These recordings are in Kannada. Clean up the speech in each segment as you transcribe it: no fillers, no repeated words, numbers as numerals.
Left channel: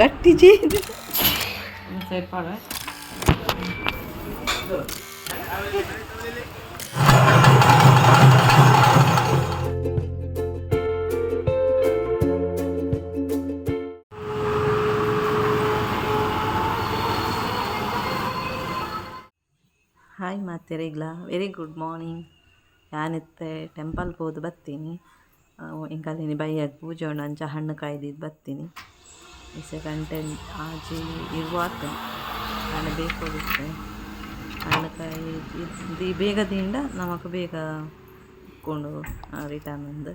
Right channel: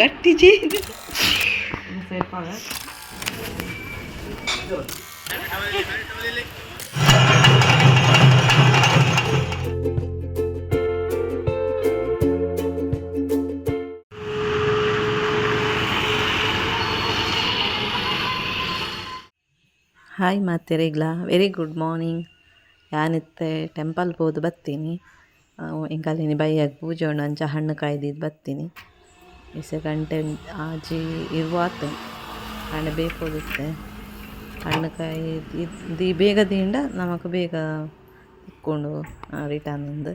ಗಟ್ಟಿ ಚೀನಿ ಸೇರ್ಪಾಗ ಹಾಯ್ ಮಾತೆರೆಗ್ಲ ವೆರಿ ಗುಡ್ ಮಾರ್ನಿಂಗ್. ಯಾನಿತ್ತೆ ಟೆಂಪಲ್ ಹೋದು ಬರ್ತೀನಿ. ಇಂಕಲಿನಿ ಬೈಯಾಗ ಪೂಜೆ ಉಂಡು ಅಂಚ ಹಣ್ಣು ಕಾಯ್ದಿದ್ದು ಬರ್ತೀನಿ. ಇಸೆ ಗಂಟೆ ಆಜಿ ಇರುವಾತ ಹಣ್ಣು ಬೇಕೋದಿತ್ತೆ. ಹಣ್ಣು ಕಾಯಿ ಬೇಗ ದಿಂಡ ನಮಕ್ ಬೇಗ ಇಕ್ಕೊಂಡು ರಿಟರ್ನ್ ಅಂದು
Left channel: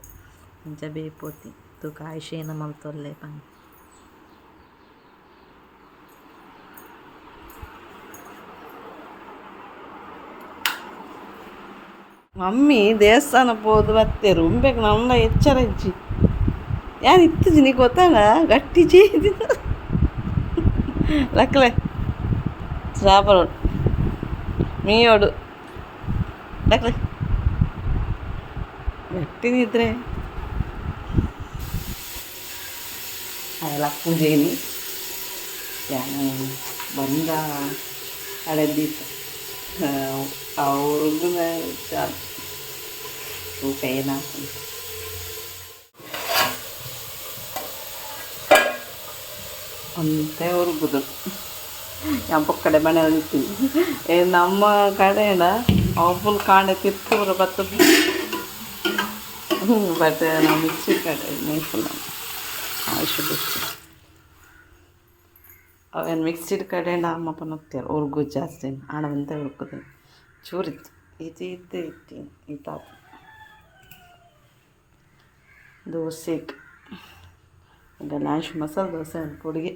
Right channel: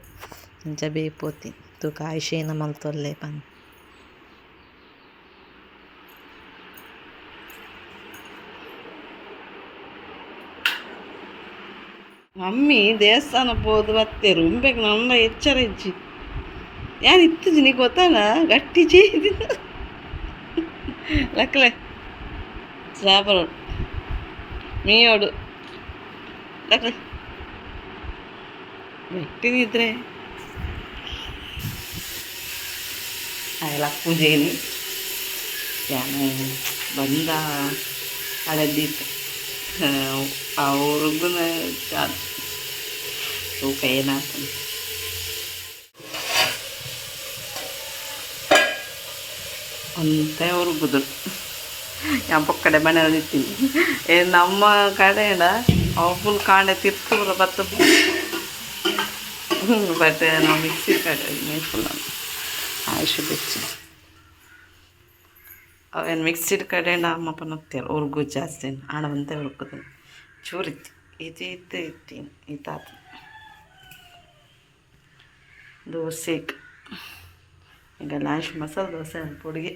ಇಂಚ ಬೇಪೋತಿ ತೂಕ ಆಯ್ಷೇನ ಮಲ್ತೊಲ್ಲೆ ಪಂದ್ ಮಮ್ಮಿ ದೇವಸ್ಥಾನ ಹೋದು ಬರ್ತೇರು ಉಂಬೇಕು ನಮ್ಮ ಎಚ್ಚರ ಇಜ್ಜಿ ಯಾರು ಇತ್ತುಜಿ ನೀ ಗೊತ್ತಾನ ಗಟ್ಟಿ ಚೀದಿ ಲಕ್ಕಲೆ ಸಾಪರೋಡು ಮೀಯೋಡು ಲಕ್ಕಲೆ ಗಟ್ಟಿನಿದ್ರೆ ಲಕ್ಕು ಜೇನಿ ಯಾನು ಬಂದ ಹಳದಿತ್ತು ಅವ್ರಿಗೂ ತೂಕ ಏನಾಗ್ತದೆ ಅಂತ ಉರುಗುದು ಯಾವ ಕಡೆ ಮನೆಯಲ್ಲಿ ಇರ್ತೀವಿ ನಮ್ಮ ಕಡೆಯಿಂದ ಅವು ಫುಲ್ ಕಾಂಡೆ ತಿರ್ತುರ ಬತ್ತು ಬಟ್ ನಾವು ಮಿಕ್ಸಿ ಕಡೆ ಫುಲ್ ಆಯುಷು ಬೆಚ್ಚಿ ಅವೇನು ಮಿಕ್ಸಿಡ್ ಕಡೆಯಿಂದ ಅಮ್ಮಪ್ಪನ ಹೋಗ್ತಾರೆ ಉರ್ಗು ಜಾಸ್ತಿ ಹಣ ಬಂತ ಹುರ್ಕೋದು ಚೂರಿತ್ತು ಇತ್ತೀನಿ ಈತಾತ ದೋಸೆಗೆ ಈಗ ಲಾಸ್ಟ್ ಮಸಾಲೆ ದೋಸೆ ಅಂತ ಪುಡಿಗೆ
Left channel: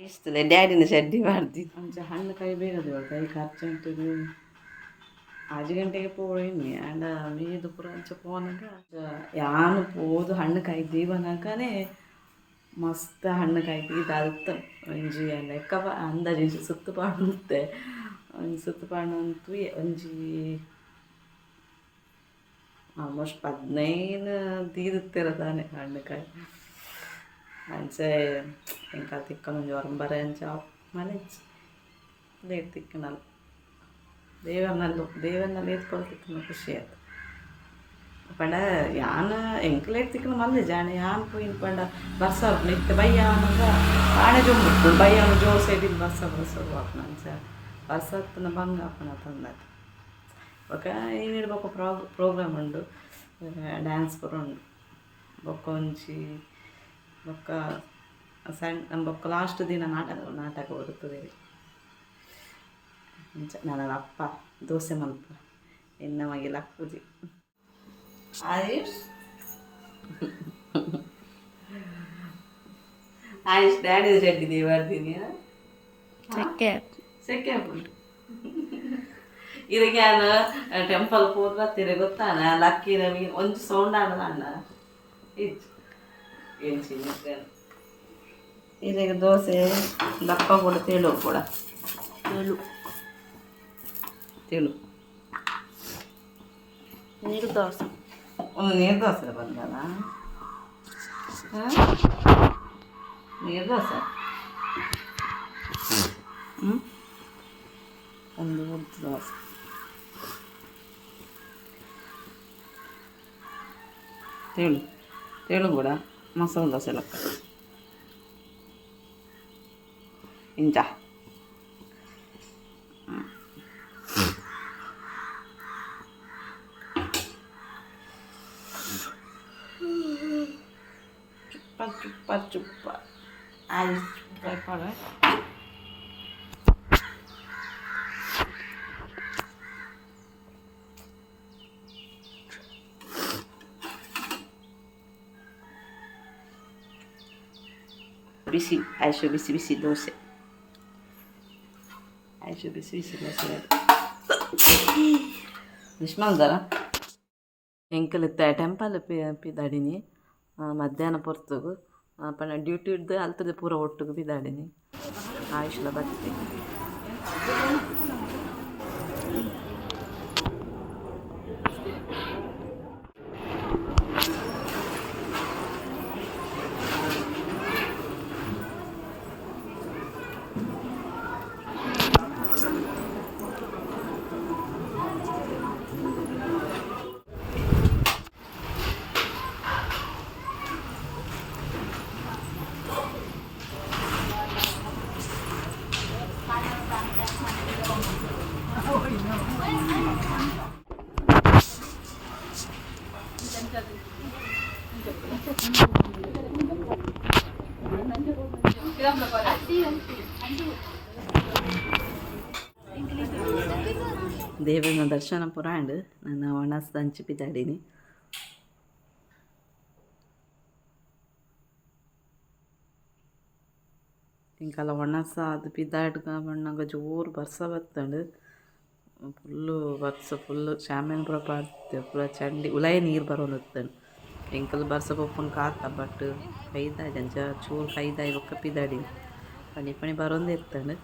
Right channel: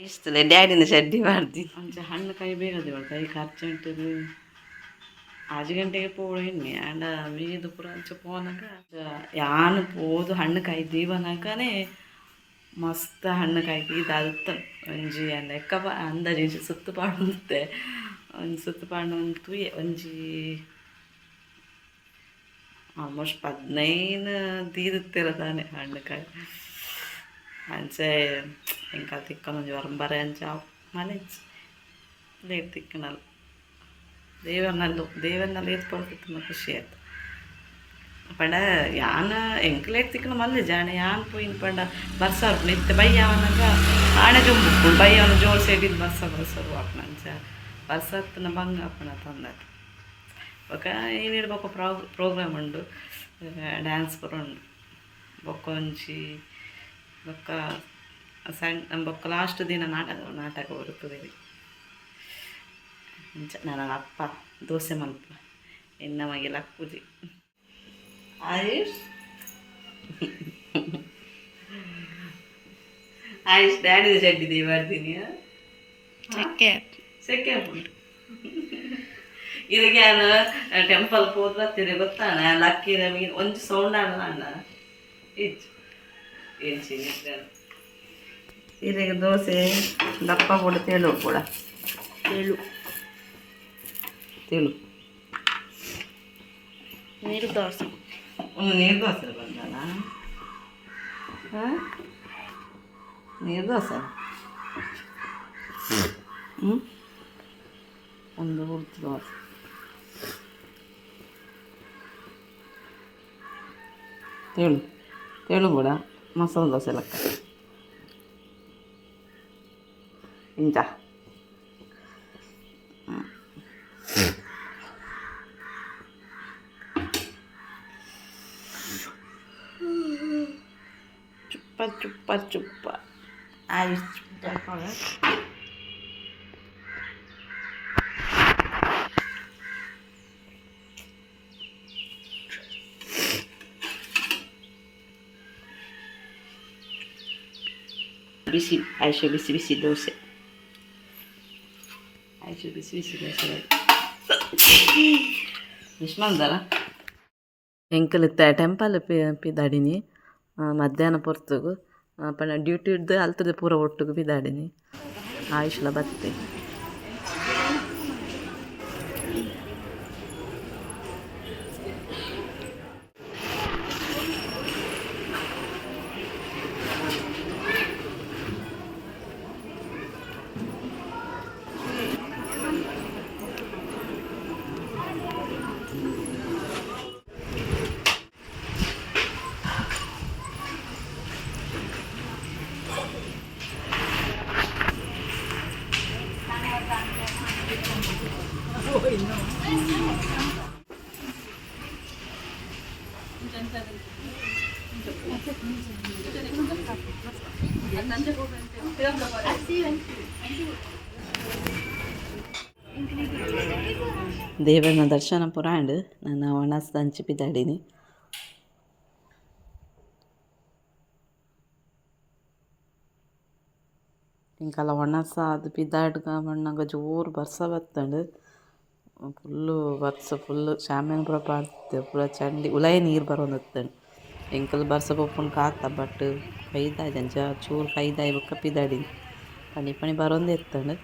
ಇಷ್ಟಲೆ ಡ್ಯಾಡಿನ ಚಡ್ಡಿ ಮಾಡ್ತೀನಿ ಅಂಚ ಹಣ್ಣು ಕಾಯಿ ಬೇಗದೆ ಕೈ ಖರ್ಚುಂಟದು 5 ಗಂಟೆಗೆ ಪೋಣಿ ಆಂಡ ಮೀದು ಪೂರ ಅಂಚ ಪೋನಾಗ ಯಾನು ಪೋದು ಹಣ್ಣು ಕಾಯಿ ದೀವನಾಗನೇ ಮಸ್ತ್ ಹಣ್ಣು ಕಾಯಿ ಇದಾದ ಒಂಜಿ ಲೆಕ್ಕ ಅಂದಾಜಿ ಸುತ್ತು ಪಾಡುತ್ತೆ ಒಂದು ಸುತ್ತು ಪಾಡು ಅಂತೂ ಒಂಜಿ ಆಲ್ಮೋಸ್ಟ್ 15 ತೀರುತ್ತಿರ ತಾನೆ ಹಣ್ಣು ಕಾಯಿ ಅಂಚೆ ಇಂಕ ತಿಕ್ಕನ ಒಂಜಿ ಹೊರಂಬರೆ ಅಂಚ ಮನೆ ಲೇಟ್ ತಿಕ್ಕನಲ್ಲ ದೇವರನಲ್ಲಿ ಏತ್ಕೊಳ್ತಿತ್ತು ಖುಷಿ ಆಯ್ತು ಪಂಡ ಯಾನ ಎಂಕ್ ಲೇಟ್ ತಿಕ್ಕನ ಮಲ್ಲೆ ಜಾಣೆ ಯಾನ್ ಪೋಯಿನ ಪಂಡ ಬರ್ಸರು ನಿತ್ಯ ಬೈಯವನಾಗ ಆಣೆ ಜೊಂಬುಕೊಂಡು ಬೈಯವನ ಜೋರು ಸೈಡಿನ ಬರ್ಸರು ಹಾಕ್ನಂಚ ಬರ್ಸತ್ತನ ಭಂಗ ಹಾಕೋಣ ತಂದದ್ದು ಬೊಕ್ಕ ಏನಿರ್ಬೇಕು ಪ್ರೋಗ್ರಾಮ್ ಉಂಡು ಡ್ಯಾನ್ಸ್ ಪೂರ ಉಂಡು ಬೊಕ್ಕ ಒಂಜಿ ಬೊಕ್ಕ ಸಣ್ಣ ಬೊಕ್ಕ ಲಾಸ್ಟ್ ದಿನ ನಾಟಕ ಬರುತ್ತದೆ ನನ್ನ ಅಪ್ಪ ದೋಸೆ ಮಲ್ಪ ಇನ್ನ ಮಗೆ ಲಕ್ಕುಜಿ ಆಯುಷ್ ಆಯುಷ್ ಡ್ಯಾಡಿ ಚಡ್ಡಿ ಬರ್ತೀನಿ ಸೆಕೆ ಹಾಕೊಂಡು ಇದಕ್ಕೆ ನಾನು ಟೆಂಪಲ್ ಹೋದ್ ಬರ್ತೀನಿ ಗೊತ್ತಾನ ಲಕ್ಕಿ ನಮಗೆ ಒಂಚು ಸೌಂಡ್ ಆಡಲ್ಲ ಅಣ್ಣ ಇಜ್ಜು ಏನು ಸಿಗುತ್ತೆ ಇದಕ್ಕೆ ದೋಸೆ ದಪ್ಪ ಕೂಡ ತೆಳು ಕೂಡ ತೆಳು ನೀರು ದೋಸೆ ನೀರು ದೋಸೆ ಬಂದಲ್ಲ ನೀರು ದೋಸೆ ಒಂದು ಉದ್ದು ದೋಸೆ ತೆಳು ಕೂಡ ಮಸಾಲೆ ದೋಸೆ ಲೆಕ್ಕ ಇಂಚ ಚುಪ್ಪ ಆಯ್ತು ಬಿಸಿ ಆಯ್ತು ಬಿಸಿ ದೋಸೆ ಆಯ್ತು ಬಿಸಿ ದೋಸೆ ನಿಷ್ಮಲ್ದಾರ ಎಂಕಲ್ ಟೆಂಪಲ್ ಪಿದಾಡಿನಿ ಮಧ್ಯಾಹ್ನ ಪೊರ್ತುಗು ಪಂಡ ಡ್ಯೂಟಿ ಇಡ್ದು ಅಲ್ತದೆ ಪೂರ ಒಟ್ಟುಗು ಬಿದಾಡಿನಿ ಆಯುಷ್ಲ ಬತ್ತೆ. ದೇವನ ದರ್ಶನ ಪುರಾಂಡ್ ನಾನು ಒಣಸ್ದ ಹಂಚಿ ಬಿದ್ದಾಡಿನಿ. ಇಂಕಲ್ಲ ಒಣಸ ಅದು ಬಿದ್ದಾಡ್ಗ ಮಣ್ಣಾಗ ಜೋರು ಬರ್ಸ ಬತ್ತಂಡು ಫುಲ್ಲು ಬರ್ಸ ಫುಲ್ಲು ಶಾಮಿಯಾನ ಪೂರ ಪಾಡ್ದೆ ಪೂರ ಚಂಡಿ ಉಲಾಯ ನೀರು ಬರೋಂದಿತ್ತಂಡು. ಎಂಕಲ್ ಬರ್ಸ ಪೊಪ್ಪುನ ಕಾತ ಬಟ್ ಕೈದಾಯ್ದು ಅಂಚ ಚೂರು ಕೈದಾಯಿ ಬೊಕ್ಕ ಪಿದಾಡಿನಿ ಪಣಿ ಪಣಿ ಬರೋಂದೇ ಇತ್ತಂಡು.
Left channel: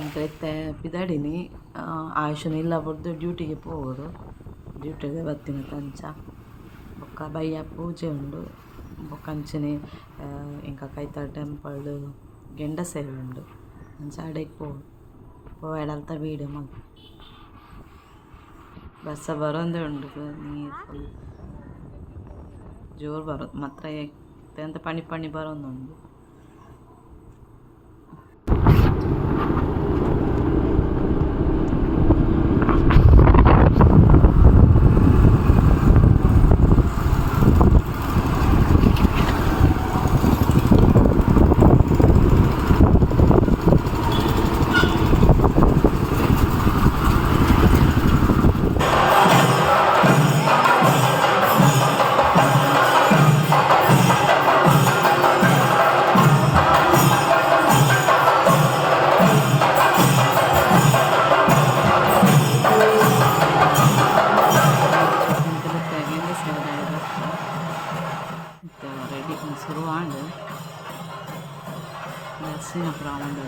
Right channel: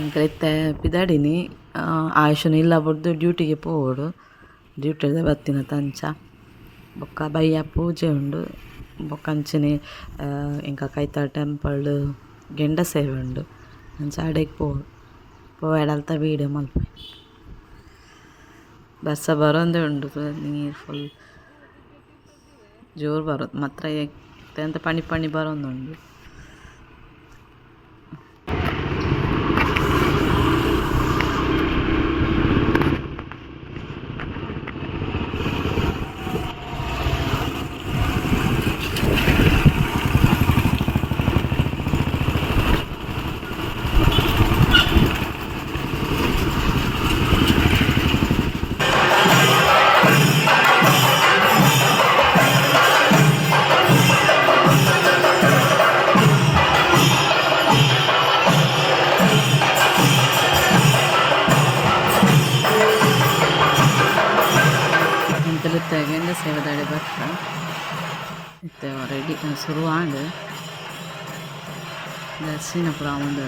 ಇಂಕೈತೆ ಪಿದಾಡಿನಿ ಆಯುಷನು ಇಲ್ಲ ಬಡ್ದು ಡ್ಯೂಟಿಗೆ ಪೋಡು ಡ್ಯೂಟಿದ ಬತ್ತಿನ ತಂಚ ಬೊಕ್ಕ ಬಯ್ಯ ಪೂಜೆ ಉಂಡು ಬೊಕ್ಕ ಅಂಚನೆ ಇಂಕ ಕೈತ ಟೆಂಪಲ್ ಗೆಂಡ ಸೇವೆ ಉಂಡು ಅಂಚ ಅಡೆಗೆ ಪೋವಾಡಲ್ತ ವೀಡಿಯೋ ಮಲ್ಪ ಬರ್ಸ ಬರೋಂದೇ ಉಂಡು ನೀರು ಫುಲ್ ಜೋರು ಬರೋದು ಮಾತ್ರ ಎಂತ ಪಣಿ ಪಣಿ ಬರೋಂದುಂಡು. ಸೇವದಾಳೆ ಬರ್ತ ಮತ್ತೆ ರೆಡಿ ಶುರುವಾಂಡು ದರ್ಶನ ಪುರ ಉಂಡು.